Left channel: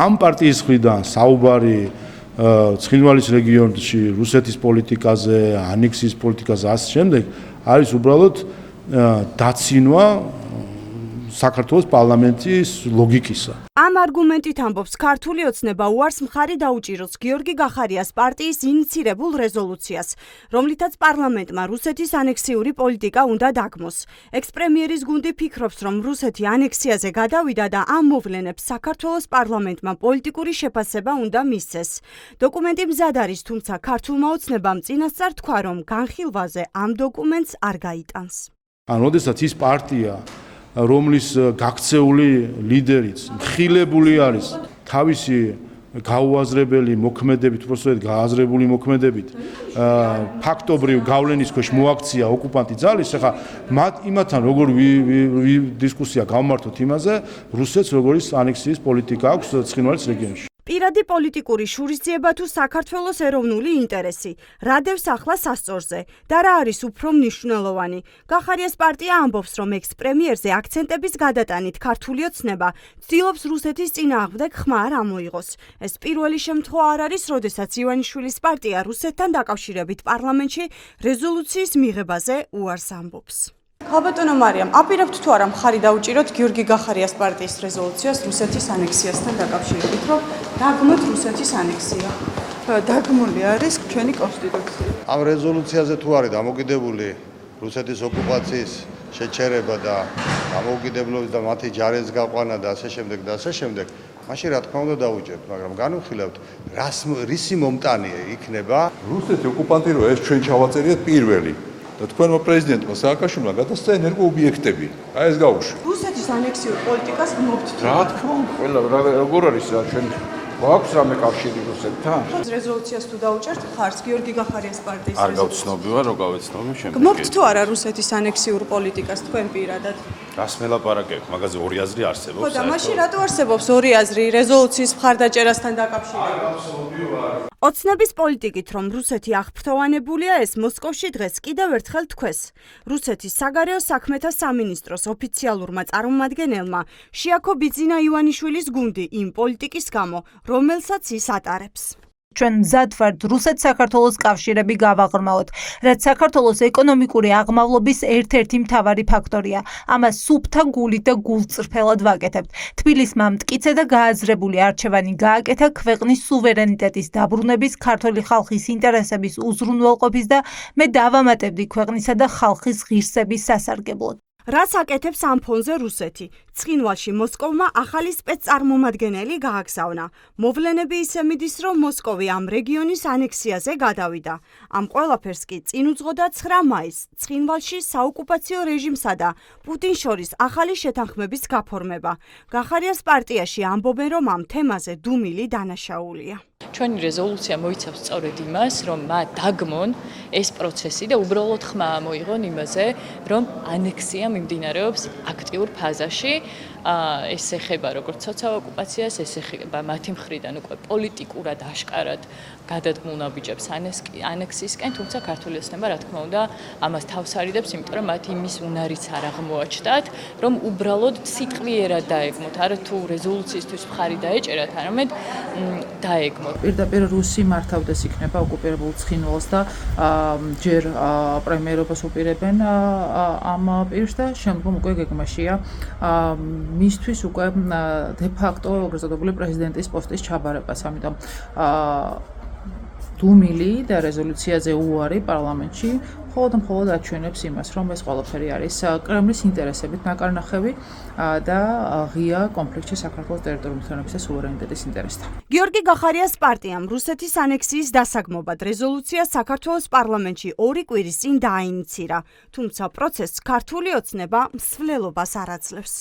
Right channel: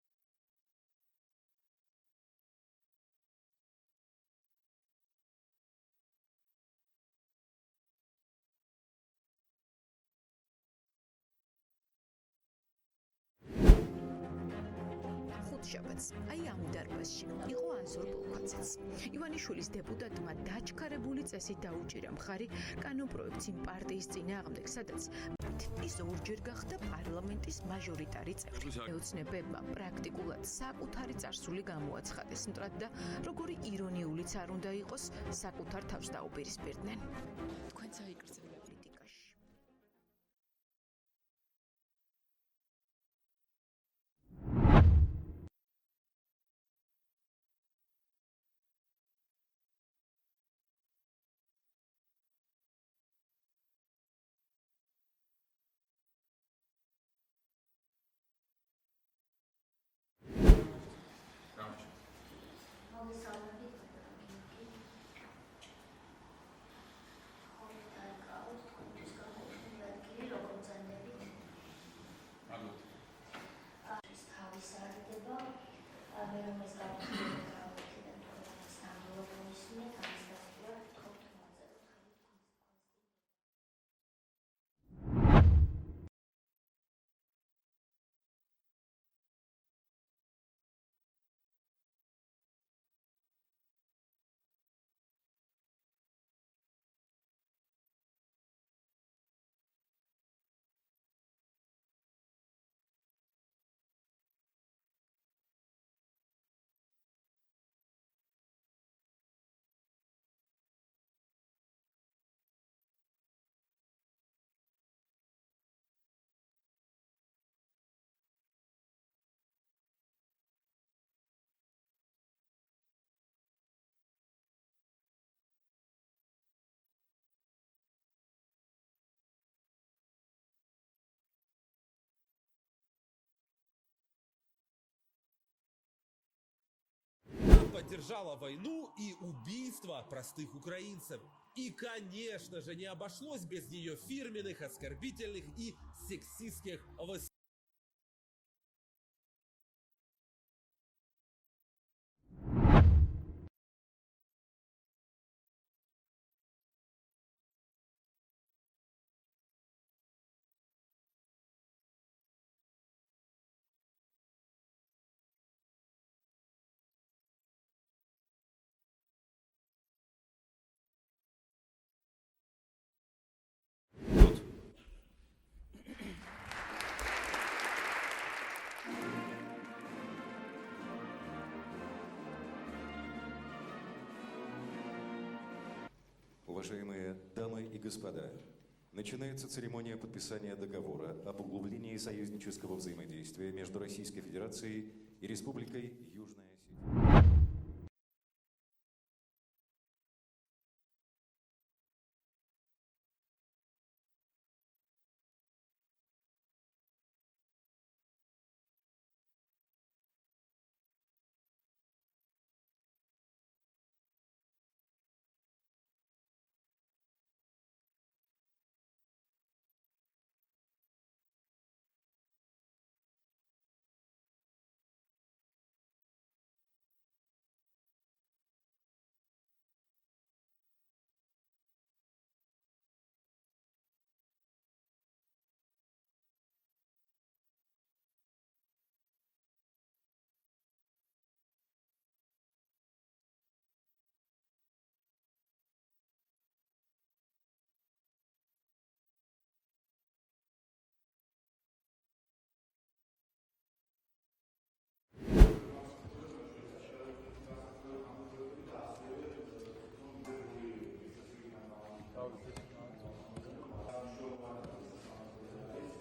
ამ პარტიის მხრიდან საუბარი ცხინვალის რეგიონში რუსეთის პოლიტიკაზე, ანექსიის პოლიტიკაზე ასე შემდეგ არის უბრალოდ დაცინვა საქართველოს პარლამენტის ლოგიკისა. ამ არგუმენტით ამბობს ქართული ოცნება უარს მხარი დაუჭიროს გიორგი გახარიას პარტიის ინიცირებულ რეზოლუციას, რომლითაც პარლამენტმა რუსეთის ანექსიური პოლიტიკა უნდა დაგმოს. ექს-პრემიერის გუნდი ფიქრობს, რომ რუსეთი ანექსიაზე გადავიდა და ამ მოვლენებს საქართველოს პარლამენტმა პოლიტიკური შეფასება უნდა მისცეს. დოკუმენტი მზად არის, თუმცა ქართულმა ოცნებამ წინასწარ თქვა, რომ განხილვაზე ამ დოკუმენტს არ გაიტანს. როდესაც ის პარტია რომლის გაქცეული ლიდერიც მხილებული არის თავისი გაუაზრებელი მოქმედებით, უბრალოდ გააზრებული მოქმედებით ფაქტობრივ გავლენის ქვეშ მოაქცია ოკუპანტი ძალის, ახლა იმათთან როგორ დისკუსია გავმართოთ იმაზე, რუსეთს როგორი ანექსიის პოლიტიკა აქვს ცხინვალის რეგიონში. პირადი პოლიტიკური შურისძიება თუ საქართველოს ეროვნული ინტერესი, რა დევს ახლა სასწორზე და რა არის უფრო მნიშვნელოვანი. გახარიას პარტია ამბობს, რომ ექს-პრემიერზე აქცენტების გადატანით ქართული ოცნება ცდილობს რუსეთის წინააღმდეგ ხმა არ ამოიღოს. ეს პირველი შემთხვევა არ არის, როდესაც ივანიშვილის პარტია რუსეთთან დაკავშირებით პარლამენტში რეზოლუციის მიღებაზე უარს ამბობს. ქალბატონო მარიამ, აპირებთ თუ არა მხარი დაუჭიროთ გიორგი გახარიას პარტიის რეზოლუციას რუსეთის ანექსიასთან დაკავშირებით, რომ დაგმოთ რუსეთის ანექსია? დაგმული არის ჩვენი კონსტიტუცია. ამ რეზოლუციაზე თუ არის დამოკიდებული რუსეთის ოკუპაციის შეჩერება და დამოუკიდებლობის და მათი ჯარების გაყვანა და ასე შემდეგ და ასე შემდეგ, მაშინ რა თქმა უნდა დავუჭერთ, მაგრამ განვიხილავთ, რისი მომტანი იქნება რუსეთი ოკუპანტი რო ეს ჩვენ ჩავაწერიეთ პირველი და თქვენმა პრეზიდენტმა სააკაშვილმა გადასცა ენერგოობიექტები. აი ეს გაუშვი. რუსეთის ანექსიურ პოლიტიკას გმობთ. რა თქმა უნდა, ყველა როგორ არის რა ჩვენ გვაქვს რამე კავშირი რუსეთთან? რეზოლუციას თუ დაუჭერთ ხარს გიორგი გახარიას პარტიის არ გავცნობი ვარ, რო გავეცნობი შემდეგ. გმობთ თუ არა რუსეთის ანექსიურ პოლიტიკას თქვენ პირადად? რას მელაპარაკებთ? მაგაზე ორი აზრი არსებობს. ხო და მაშინ რატო არსებობს ორი აზრი რეზოლუციის მხარდაჭერასთან დაკავშირებით? ოცნების პოლიტიკით, რომ რუსეთი აღფრთოვანებულია, ეს მოსკოვში დღეს კიდევ ერთხელ თქვეს. რუსეთის საგარეო საქმეთა სამინისტროს ოფიციალურმა წარმომადგენელმა შეაქო ბიძინა ივანიშვილის გუნდი იმ პოლიტიკის გამო, რომელსაც ის ატარებს. ჩვენ მზად ვართ რუსეთ-საქართველოს კავშირები გავაღრმავოთ, რაც საქართველოს ეკონომიკური აღმავლობის ერთ-ერთი მთავარი ფაქტორია. ამას სუფთა გულით და გულწრფელად ვაკეთებთ. თბილისმა მტკიცე და გააზრებული არჩევანი გააკეთა ქვეყნის სუვერენიტეტის დაბრუნების, ქართული ხალხის ინტერესების უზრუნველყოფის და მე დავამატებდი ქვეყნისა და ხალხის ღირსების სასარგებლოდ. რას აკეთებს ამ ფონზე რუსეთი? ცხინვალში მოსკოვმა ახალი სპეცწარმომადგენელი გააგზავნა. მოვლენები ისე მიდის, რომ მოსკოვი ამ რეგიონის ანექსიაზე გადავიდა. ამ ყველაფერს კი წინ უძღოდა 9 მაისს ცხინვალში საოკუპაციო რეჟიმსა და პუტინს შორის ახალი შეთანხმების გაფორმება. გახარიას პარტიაში ამბობენ, რომ ამ თემაზე დუმილი დანაშაულია. ჩვენი რეზოლუცია მოიცავს სწორედ იმას, რომ მათ დაგმონ ეს პროცესი და უბრალოდ ხმა ამოიღონ იმაზე, რომ ანექსია მიმდინარეობს აქტიურ ფაზაში. ეს ეხება როგორც სოციალურ ოკუპაციას, ეს ეხება მათი მხრიდან უკვე პოლიტიკურად აშკარად გადადგმულნაბიჯებს ანექსიისკენ, თუმცა ქართული ოცნება რა თქმა უნდა ამას თავს არიდებს, იმიტომ რომ მათ იმის უნარიც არ აღმოაჩნდათ, რომ უბრალოდ სიტყვიერად დაეგმოთ, არა თუ რეზოლუციისთვის მხარი დაეჭერათ, არამედ დაეგმოთ. პირდაპირ რუსი მართავდეს იქნება ოკუპირებულ ცხინვალს და ჯერ პრემიერობას უპირებენ ამ პირს და შემდგომ უკვე გეგმაშია მისთვის უკვე დე-ფაქტო როგორც წოდებული პრეზიდენტის პოსტის ჩაბარებას. ამიტომ დუმილი და რეზოლუციაზე უარი პარლამენტში მხოლოდ აჩვენებს იმას, რომ ეს ყველაფერი არის კრემლის ინტერესებით ნაკარნახევი და ღია კონფლიქტში საქართველოს ტერიტორიული მთლიანობის და სუვერენიტეტის ინტერესთან. გიორგი გახარიას პარტიამ რუსეთის ანექსიის დასაგმობად რეზოლუცია საქართველოს პარლამენტში 2 კვირის წინ დააინიცირა, თუმცა პროცესს ქართული ოცნება მსვლელობას არ აძლევს.